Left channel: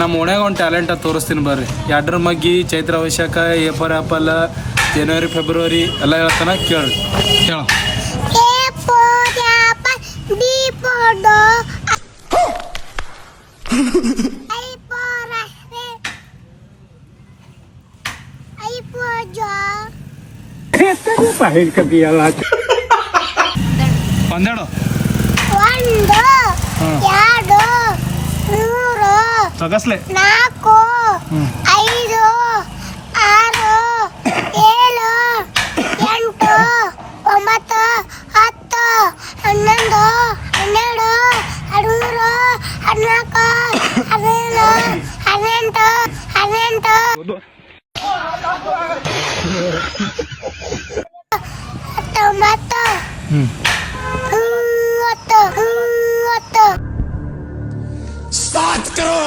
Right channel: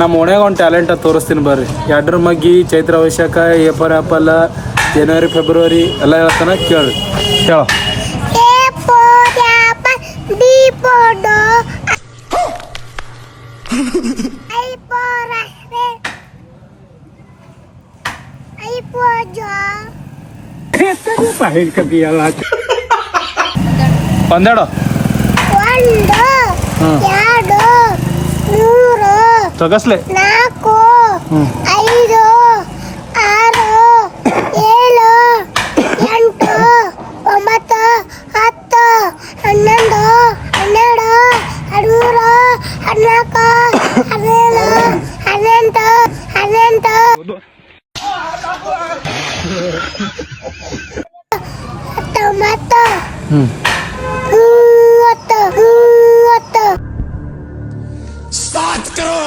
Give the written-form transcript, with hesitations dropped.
ನಮ್ಮ ಓಣ್ಯಾಗ ಒಂದು ಟ್ಯಾಲೆಂಟ್ ತೋರಿಸ್ತೀನಿ ಬರ್ರಿ. ಎಡ್ರ ಮಗ್ಗಿ, ಚೈತ್ರ ವೈಶಾಖ, ಏಪರ್ ಆ್ಯಪಲ್, ಜನವರಿ ಫೆಬ್ರವರಿ ಎಲ್ಲ ಹೇಳ್ತಾನೆ ಕೇಳಿ. ಹೇಳ. ಒಂದೆರಡು ಸೊಗಸ್ಲೆ 4 5 6 7 8 9 10 11 12 स्टार्ट करो.